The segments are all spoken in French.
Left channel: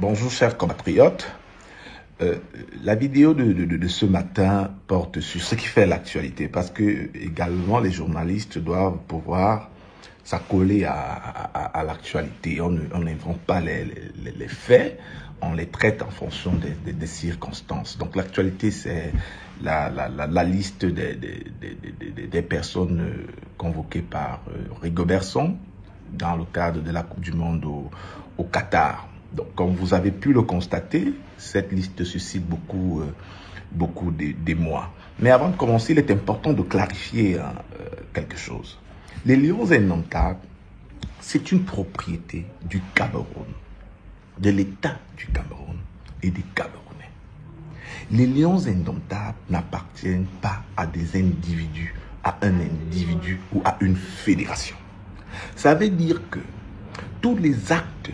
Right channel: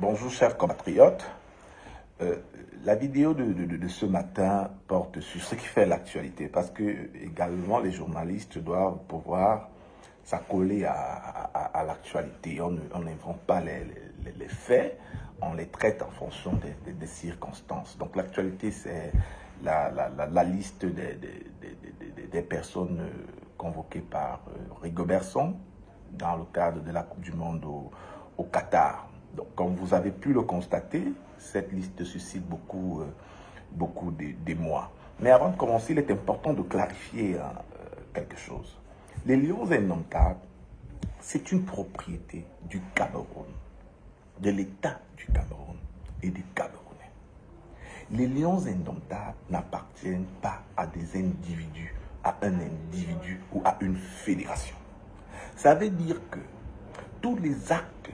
Bonjour chers compatriotes. La vidéo de ce matin porte sur ce qui fait l'actualité parce que également les journalistes doivent pouvoir s'accoler à l'actualité. On n'invente pas les faits, on les traite en fonction des circonstances. Donc l'actualité c'est la liste des personnes convoquées par Rigobert Song dans le cadre de la Coupe du Monde au Qatar. Donc, comme vous avez pu le constater, cette liste suscite beaucoup d'émoi. Mais avant de commencer, il est important de clarifier quelque chose. Les Lions indomptables, c'est une propriété du Cameroun, de l'État du Cameroun et des Camerounais. Les Lions indomptables n'appartiennent pas à des individus, à un individu ou à une fédération. Ça veut dire que tous les actes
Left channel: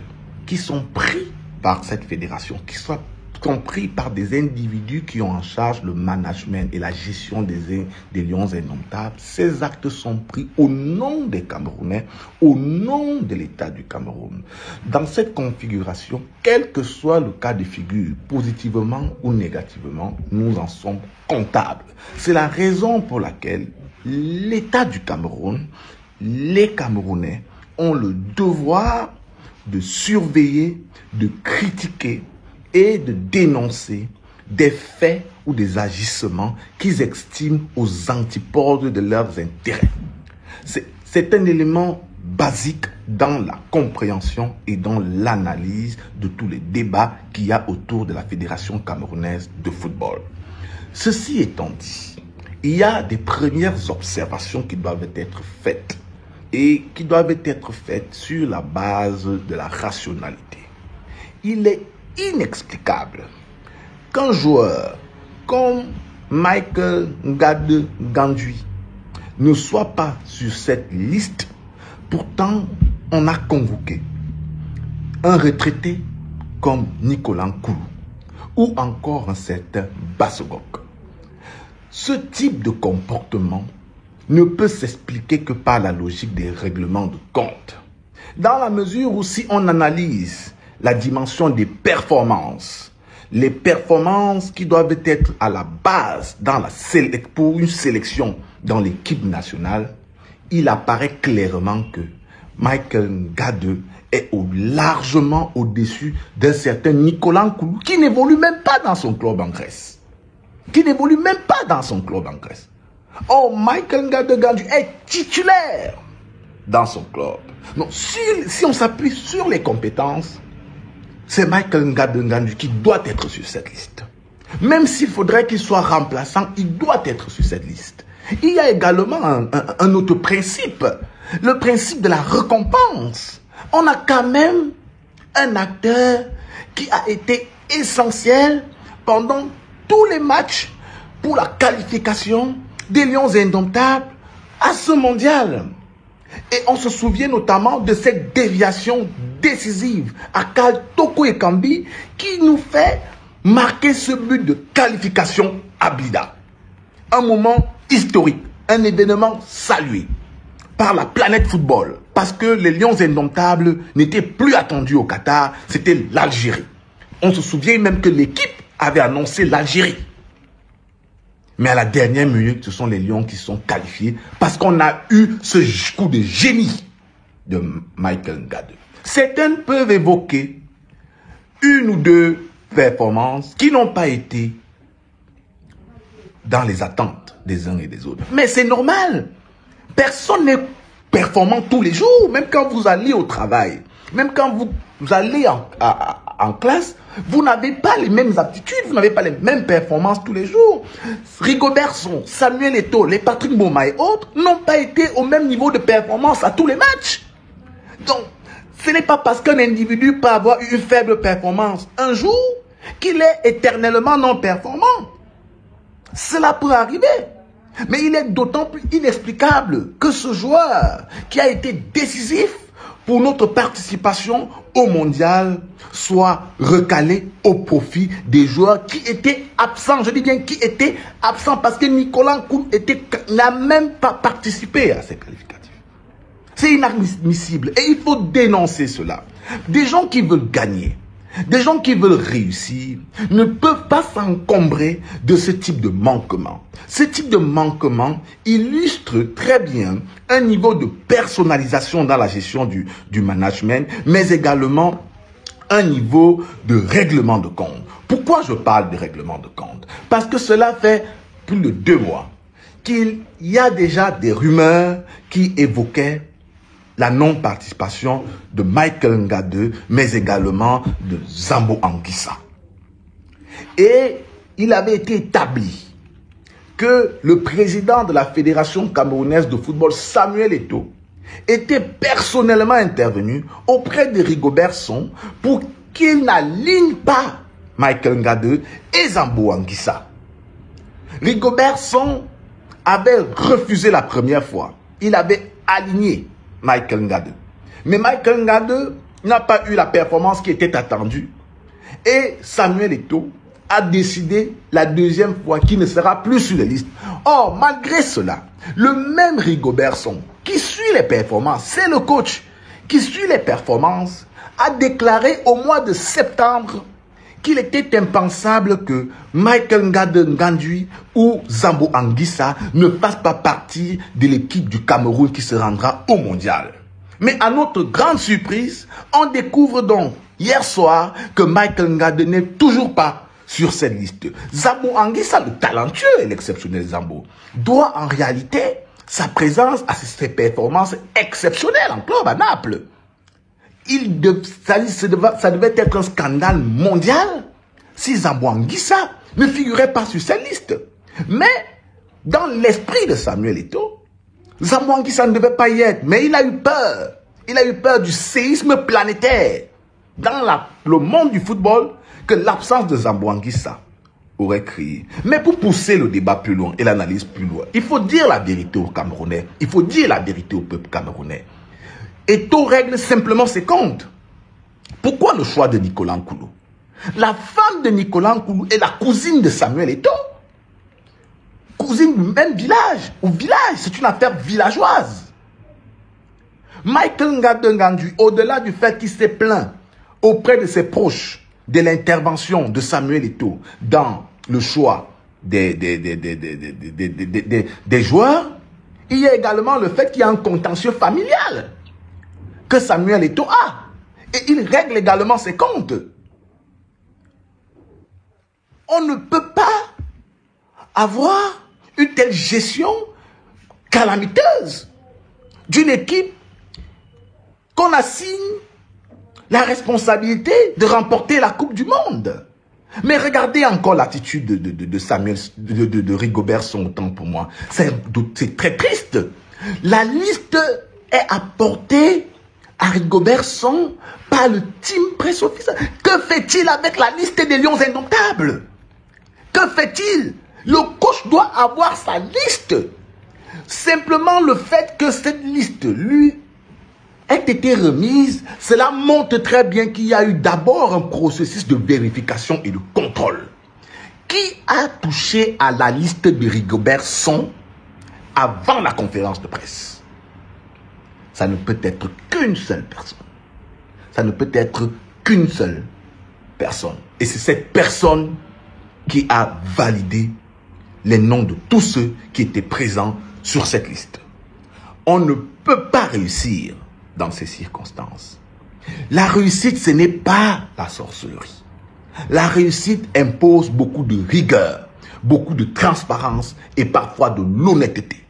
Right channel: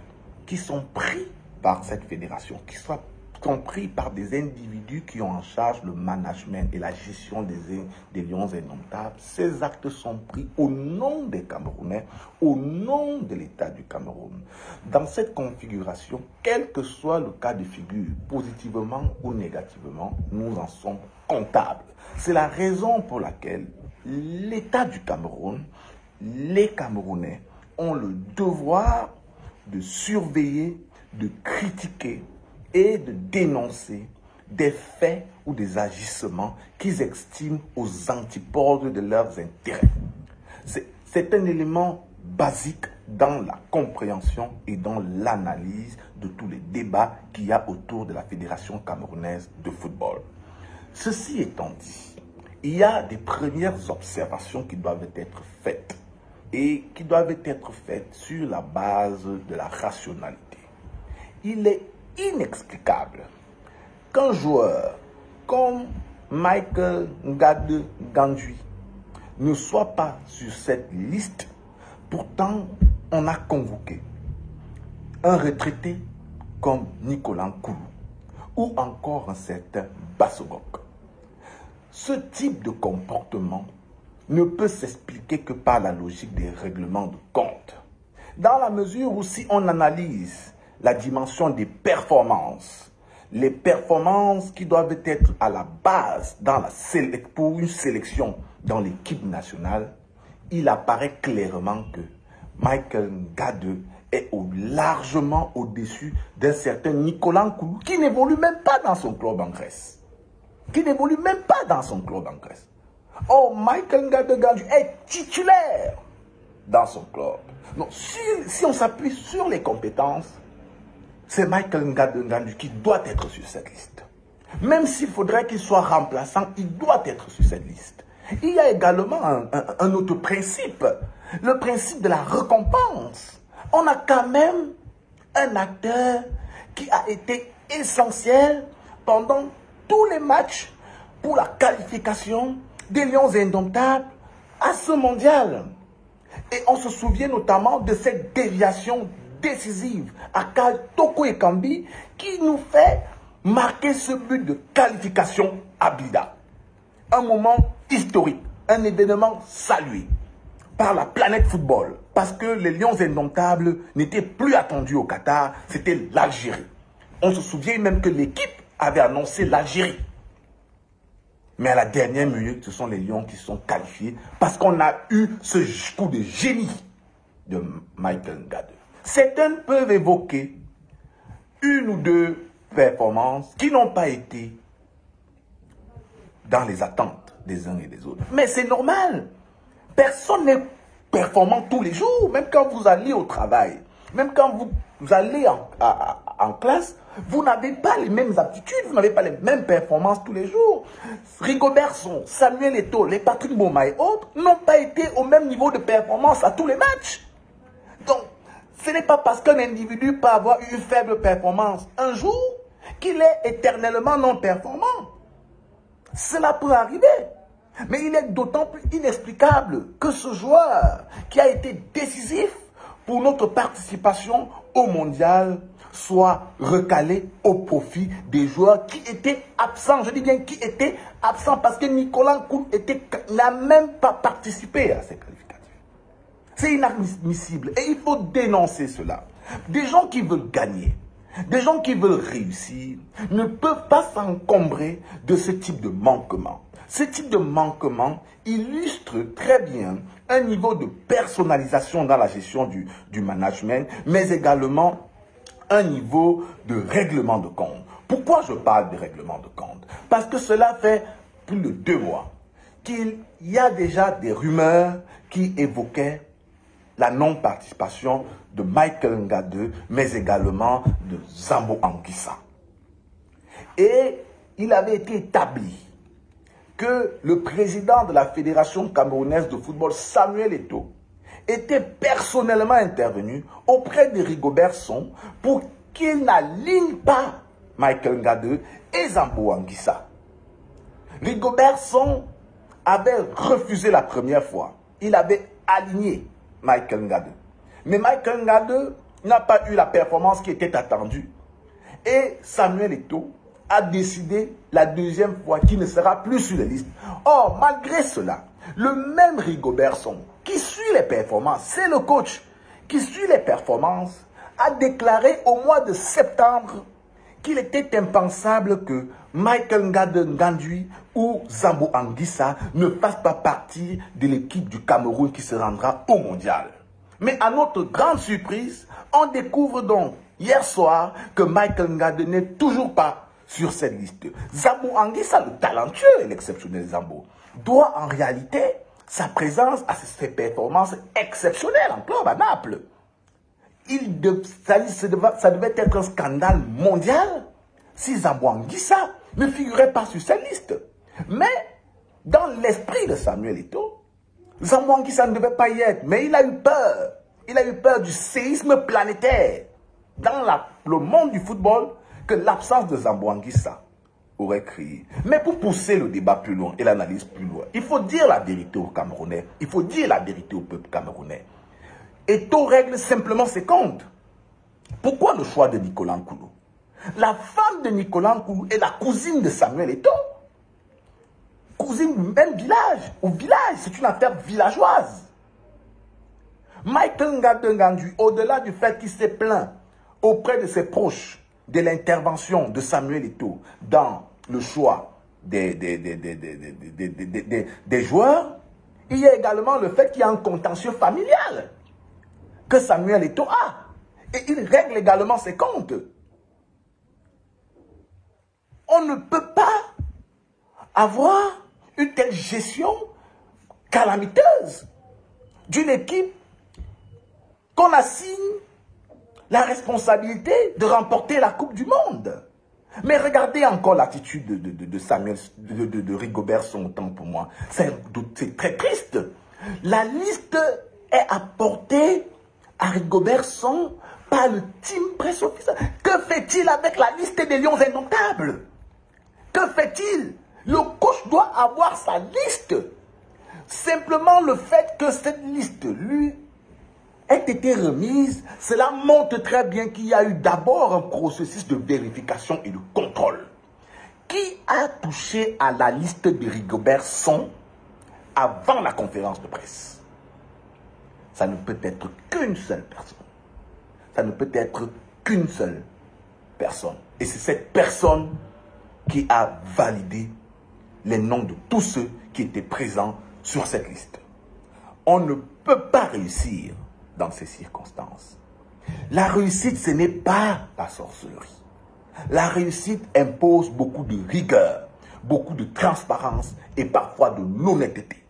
qui sont pris par cette fédération, qui sont pris par des individus qui ont en charge le management et la gestion des Lions indomptables, ces actes sont pris au nom des Camerounais, au nom de l'État du Cameroun. Dans cette configuration, quel que soit le cas de figure, positivement ou négativement, nous en sommes comptables. C'est la raison pour laquelle l'État du Cameroun, les Camerounais, ont le devoir de surveiller, de critiquer et de dénoncer des faits ou des agissements qu'ils estiment aux antipodes de leurs intérêts. C'est un élément basique dans la compréhension et dans l'analyse de tous les débats qu'il y a autour de la Fédération camerounaise de football. Ceci étant dit, il y a des premières observations qui doivent être faites et qui doivent être faites sur la base de la rationalité. Il est inexplicable qu'un joueur comme Michael Ngade Gandui ne soit pas sur cette liste. Pourtant, on a convoqué un retraité comme Nicolas Nkoulou ou encore un certain Bassogok. Ce type de comportement ne peut s'expliquer que par la logique des règlements de compte. Dans la mesure où si on analyse la dimension des performances, les performances qui doivent être à la base pour une sélection dans l'équipe nationale, il apparaît clairement que Michael Ngade est largement au-dessus d'un certain Nicolas Nkoulou qui n'évolue même pas dans son club en Grèce. Oh, Michael Ngade Gandui est titulaire dans son club. Donc, si on s'appuie sur les compétences, c'est Michael Ngade Gandui qui doit être sur cette liste. Même s'il faudrait qu'il soit remplaçant, il doit être sur cette liste. Il y a également un autre principe, le principe de la récompense. On a quand même un acteur qui a été essentiel pendant tous les matchs pour la qualification des Lions indomptables à ce mondial. Et on se souvient notamment de cette déviation décisive à Karl Toko Ekambi qui nous fait marquer ce but de qualification à Blida. Un moment historique, un événement salué par la planète football parce que les Lions indomptables n'étaient plus attendus au Qatar, c'était l'Algérie. On se souvient même que l'équipe avait annoncé l'Algérie. Mais à la dernière minute, ce sont les Lions qui sont qualifiés parce qu'on a eu ce coup de génie de Michael Ngade. Certains peuvent évoquer une ou deux performances qui n'ont pas été dans les attentes des uns et des autres. Mais c'est normal. Personne n'est performant tous les jours, même quand vous allez au travail, même quand vous allez en classe, vous n'avez pas les mêmes aptitudes, vous n'avez pas les mêmes performances tous les jours. Rigobert Song, Samuel Eto'o, les Patrick Mboma et autres n'ont pas été au même niveau de performance à tous les matchs. Donc, ce n'est pas parce qu'un individu peut avoir une faible performance un jour qu'il est éternellement non performant. Cela peut arriver. Mais il est d'autant plus inexplicable que ce joueur qui a été décisif pour notre participation au mondial soit recalé au profit des joueurs qui étaient absents. Je dis bien qui étaient absents parce que Nicolas Nkoulou n'a même pas participé à ces qualificatifs. C'est inadmissible et il faut dénoncer cela. Des gens qui veulent gagner, Des gens qui veulent réussir ne peuvent pas s'encombrer de ce type de manquement. Ce type de manquement illustre très bien un niveau de personnalisation dans la gestion du management, mais également un niveau de règlement de compte. Pourquoi je parle de règlement de compte? Parce que cela fait plus de 2 mois qu'il y a déjà des rumeurs qui évoquaient la non-participation de Michael Ngade, mais également de Zambo Anguissa. Et il avait été établi que le président de la Fédération camerounaise de football, Samuel Eto'o, était personnellement intervenu auprès de Rigobert Song pour qu'il n'aligne pas Michael Ngade et Zambo Anguissa. Rigobert Song avait refusé la première fois. Il avait aligné Michael Ngade. Mais Michael Ngade n'a pas eu la performance qui était attendue. Et Samuel Eto'o a décidé la deuxième fois qu'il ne sera plus sur les listes. Or, malgré cela, le même Rigobert Song, qui suit les performances, c'est le coach qui suit les performances, a déclaré au mois de septembre qu'il était impensable que Michael Ngandui ou Zambo Anguissa ne fassent pas partie de l'équipe du Cameroun qui se rendra au mondial. Mais à notre grande surprise, on découvre donc hier soir que Michael Ngade n'est toujours pas sur cette liste. Zambo Anguissa, le talentueux et l'exceptionnel Zambo, doit en réalité sa présence à ses performances exceptionnelles en club à Naples. Ça devait être un scandale mondial si Zambo Anguissa ne figurait pas sur cette liste. Mais dans l'esprit de Samuel Eto'o, Zambo Anguissa ne devait pas y être. Mais il a eu peur. Il a eu peur du séisme planétaire dans le monde du football que l'absence de Zambo Anguissa aurait créé. Mais pour pousser le débat plus loin et l'analyse plus loin, il faut dire la vérité aux Camerounais. Il faut dire la vérité au peuple camerounais. Eto'o règle simplement ses comptes. Pourquoi le choix de Nicolas Nkoulou? La femme de Nicolas Nkoulou est la cousine de Samuel Eto'o. Cousine du même village. Au village, c'est une affaire villageoise. Michael Ngandui, au-delà du fait qu'il s'est plaint auprès de ses proches de l'intervention de Samuel Eto'o dans le choix des joueurs, il y a également le fait qu'il y a un contentieux familial que Samuel Eto'o a. Et il règle également ses comptes. On ne peut pas avoir une telle gestion calamiteuse d'une équipe qu'on assigne la responsabilité de remporter la Coupe du Monde. Mais regardez encore l'attitude de Samuel, de Rigobert Song, autant pour moi. C'est très triste. La liste est apportée à Rigobert Song par le team press officer. Que fait-il avec la liste des Lions indomptables? Que fait-il? Le coach doit avoir sa liste. Simplement le fait que cette liste lui ait été remise, cela montre très bien qu'il y a eu d'abord un processus de vérification et de contrôle. Qui a touché à la liste de Rigobert Song avant la conférence de presse? Ça ne peut être qu'une seule personne. Ça ne peut être qu'une seule personne. Et c'est cette personne qui a validé les noms de tous ceux qui étaient présents sur cette liste. On ne peut pas réussir dans ces circonstances. La réussite, ce n'est pas la sorcellerie. La réussite impose beaucoup de rigueur, beaucoup de transparence et parfois de l'honnêteté.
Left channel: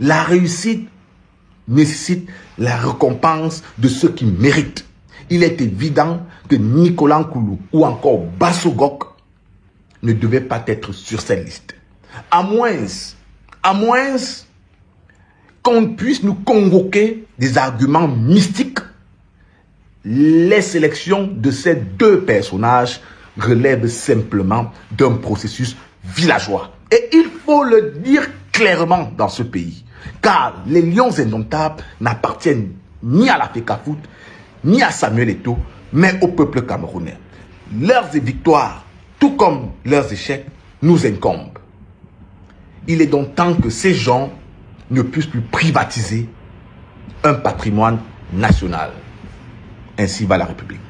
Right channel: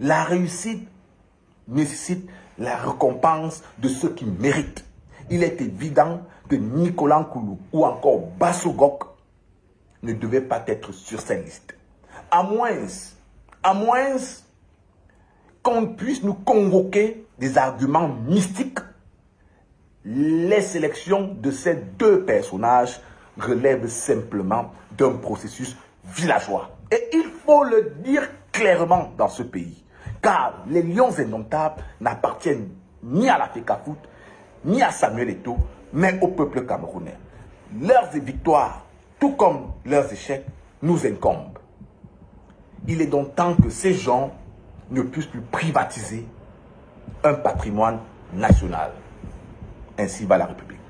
La réussite nécessite la récompense de ceux qui méritent. Il est évident que Nicolas Nkoulou ou encore Bassogok ne devaient pas être sur cette liste. À moins qu'on puisse nous convoquer des arguments mystiques, les sélections de ces deux personnages relèvent simplement d'un processus villageois. Et il faut le dire clairement dans ce pays, car les Lions indomptables n'appartiennent ni à la FECAFOOT, ni à Samuel Eto'o, mais au peuple camerounais. Leurs victoires, tout comme leurs échecs, nous incombent. Il est donc temps que ces gens ne puissent plus privatiser un patrimoine national. Ainsi va la République.